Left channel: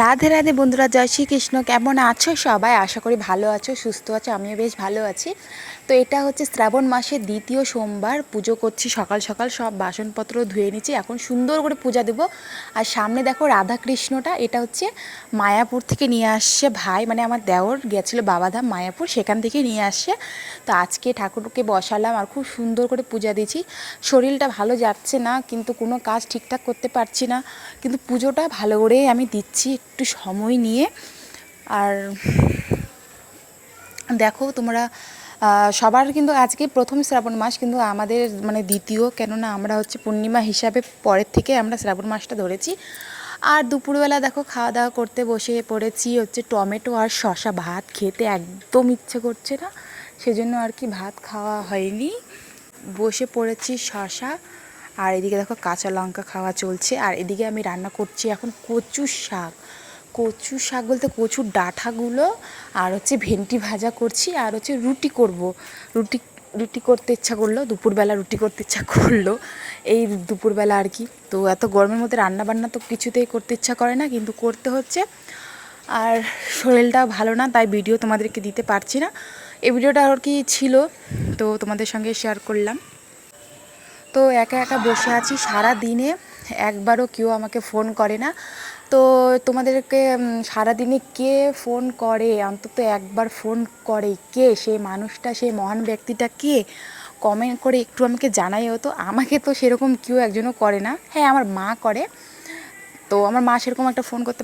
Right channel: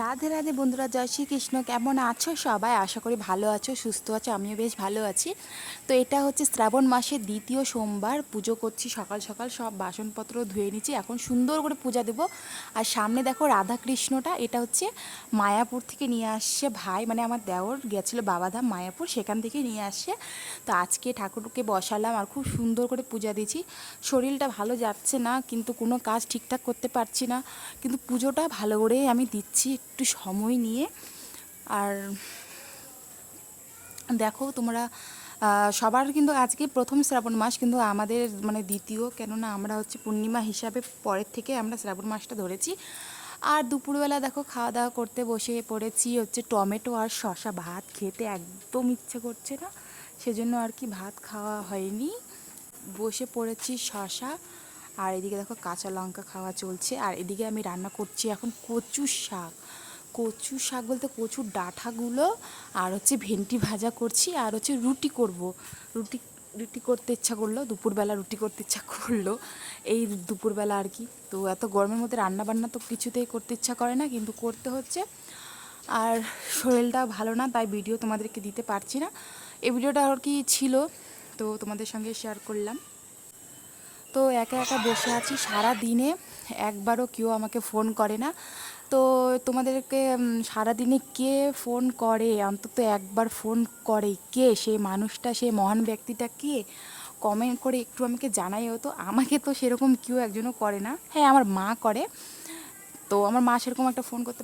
রাধে রাধে বন্ধুরা, জয় শ্রীকৃষ্ণ। কেমন আছো সবাই? আশা করি ভালো আছো, সুস্থ আছো, আমিও বেশ ভালো আছি। তো এটা হচ্ছে শ্রাবণ মাসের দ্বিতীয় সোমবার, পুজো করছি সকাল সকাল, সব বাসনপত্র ধুয়ে নিচ্ছি। এখন সুন্দর করে পূজা দেবো। আর সামনে দেখো রাধাকৃষ্ণটা, এটা হচ্ছে মায়াপুর থেকে নিয়ে আসছে ভাই মানে আমার দেওর গেছিল বাবাধাম মায়াপুর, সেখান থেকে নিয়ে আসছে। তো আজকে ঠাকুরকে বসালাম আর খুব সুন্দর করে পূজা দিয়েছি। শরীরটা ভালো যাচ্ছে না, কিন্তু কোনো কাজ ঠিকঠাক করতে পারছি না। কিন্তু পুজোটা ভালো করেই আমি দিচ্ছি একটু সময় নিয়ে। আর দেখো তোমরা সবার কিন্তু আজকে প্রথম শ্রাবণ মাস, কিন্তু আমাদের মানে দ্বিতীয়, কেননা আমরা হচ্ছে পূর্ণিমা হিসাবে পরের থেকে আমরা শ্রাবণ মাসটা ধরেছি। আর দুপুরবেলা দেখো খাওয়া দাওয়া করতে বসে পড়েছি হচ্ছে টমেটো আর শশা ভাত, খেতে একদম ইচ্ছে করছে না। সেজন্য আর কি ভাত খাওয়া হয়নি। বসে পড়েছি শশা, আর এদিকে দেখো কাঁচা লঙ্কা খাওয়া চলছে। আর এদিকে আমি রান্না করছি এখন কচু শাক। কচু শাক বলতে কচুর ডাঁটাগুলো, আর হচ্ছে ভেন্টি ভাজা করছি, আর হচ্ছে রুটি করব। রুটি রুটি করতে ইচ্ছা করল, দুপুরবেলা রুটি করতে ইচ্ছা করল। এই দুপুরবেলা আর কি। তো এত গরমের মধ্যে রান্না বান্না তো কিছুতেই করতে ইচ্ছা করে না, কিন্তু করতে হচ্ছে। আর শরীরটা ভালো না, তাই ভিডিও তোমাদেরকে দিতে পারছি না। এই ভিডিওটা আর কি ছিল, তো তোমাদের সঙ্গে শেয়ার করলাম। তো একা একা বসে আছি সারা দিনে একবারও কেউ আমাকে ফোন করে না। তো তোমাদেরকে সারাদিনে কে ফোন করে? অন্তত একবার ফোন করে কে? সেই মানুষটা, সেই মহান ব্যক্তিটা কে? কমেন্ট করে একটু আমাকে জানাইও তো। আমাকে তো সেরকম কেউ একজনও করে না। হ্যাঁ আমার মা করে। তো আমার মা সেরকম একটা ফোন করতে